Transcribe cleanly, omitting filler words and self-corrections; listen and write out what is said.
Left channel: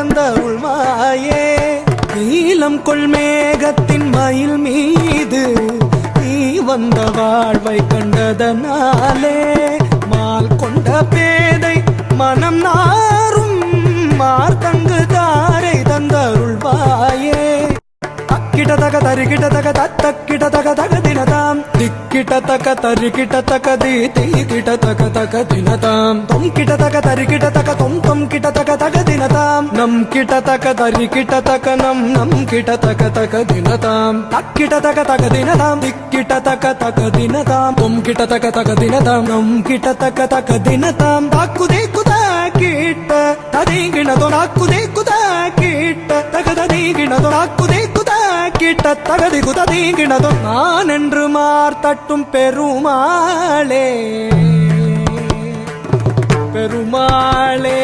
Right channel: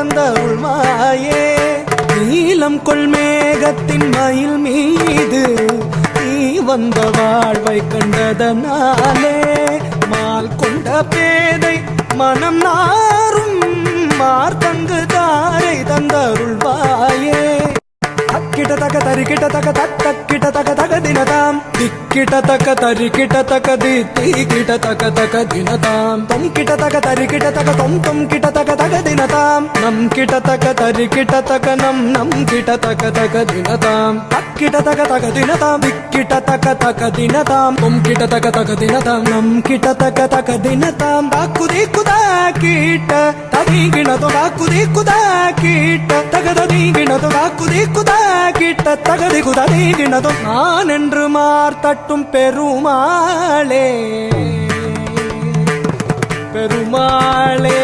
தந்தருள்வாயே. நீலம் கொள்மேகத்தின் மயில் மீது நீ வந்த வாழ்வை கண்டதனாலே மால் கொண்ட பேதை மனம் நாரும் மார்த்தங்கு தாரை தந்தருள்வாயே. அக்கிட தக தரிகிட தக தக்கிட தக தக தினதாம் திக்கிட தக தரிகிட தக திகிட தக தக தினதாம் தொம் கிட தக தரிகிட தக தொம் கிட தக தக தினதாம் நம் கிட தக தரிகிட தக நம் கிட தக தக தினதாம் அக்கிட தக தக தினதாம் திக்கிட தக தக தினதாம் தொம் கிட தக தக தினதாம் நம் கிட தக தக தினதாம் தாக்குதே குதா கிட்ட தனிகிணதோ தாக்குதே குதா கிட்ட தகத நீகிணதோ தாக்குதே குதா கிட்ட தகதி குதா நீகிணதோ. நான் என்று மார்த்தட்டும் பெருமாளே பெருமாளே